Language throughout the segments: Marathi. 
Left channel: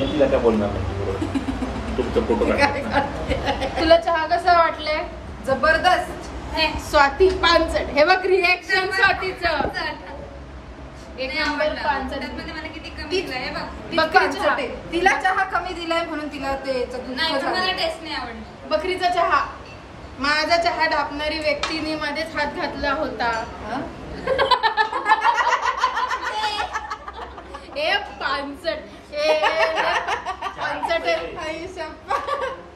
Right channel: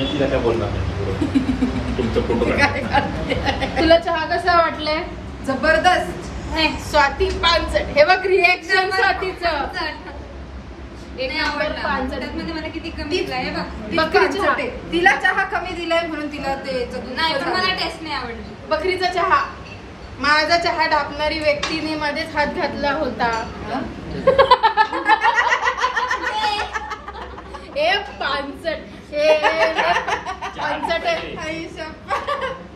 काय बोलणार तुमचं फोटो. तुला चहा कसा वाटलाय? जबरदस्त. स्वाती पानसट. हे बघ रिएक्शन स्वातीचं. एक नंबर पानसट. मला किती कमी दिलाय बघ. बकरी चहा. तिला चहा कमी दिलाय म्हणून तिला ते नाही पण मला टेस्ट नाही आवडली. बकरीचा चहा. माझा चहा ढापणारी व्यक्तीने मध्येच हात घातला होता. ए पानसट. पानसट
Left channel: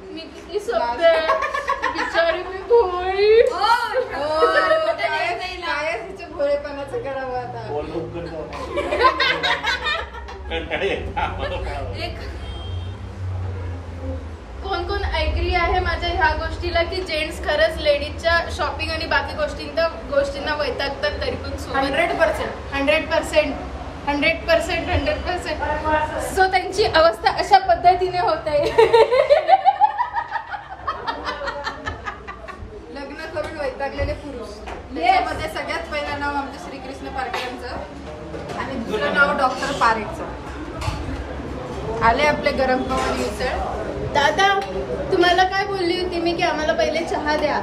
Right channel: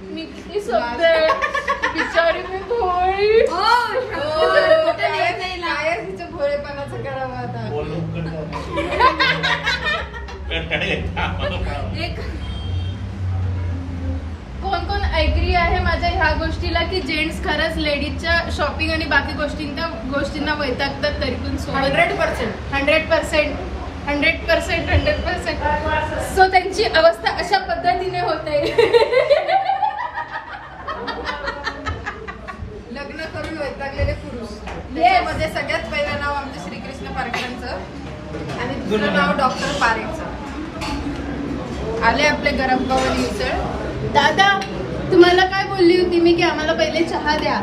मी किती सोपते बिचारी मी भोळी. काय तिच्या भोळेपणाचं करावं आता. कोण कोण ऐकली आहे माझ्या ह्या गोष्टीला की जेंट्स खरंच लेडीजच्या शॉपिंग आणि बाकी गोष्टींना वैतागतात तरी पण 100%. सो त्यांची अवस्था अशा पद्धतीने होते. लग्न करून वैतागलेले पुरुष. त्यामध्ये सगळ्यात पहिलं नाव आमच्या श्रीकृष्ण पारखेंचं आणि दुसरं नाव डॉक्टर पारेखचं. आले आपले गरम पाव मिसळ. दादा तुम्हाला काय बोलली होती मी की आम्हाला पहिले चहा द्या.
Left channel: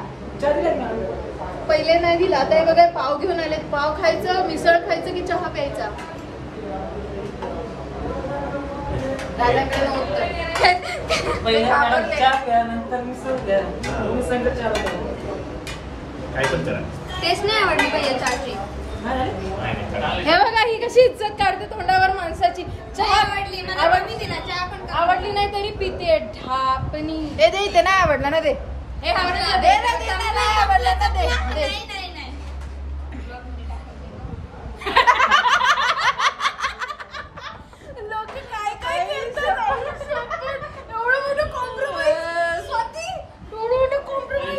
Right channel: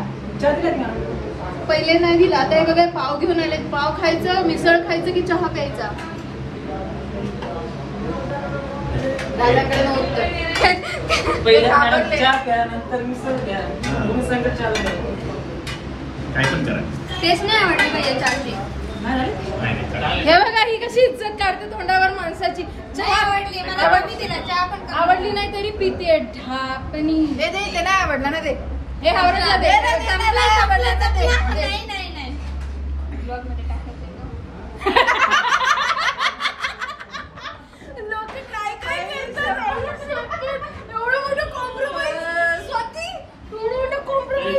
पहिले नाही दिला. आता हे बघा पाव घेऊन आले. पाव खायचं, मिसळ खायचं की चहा प्यायचा? दादाकडे नव्हतं. टेस्ट नाही आवडली पाहिजे चहाची. हे बघा ही कशी इज्जत काढते तोंडावर माणसाची. चहा आवडली मला कमी दिला. चहा पण कमी. आवडली नाही तरी पिते ढापणी. दे ते नाही आवडणार ना ते. हे आवडलं नाही. लोक काय काय करतात. एवढं मोठं कॉम्प्रोमाइज. स्वाती एवढं मोठं कॉम्प्रोमाइज.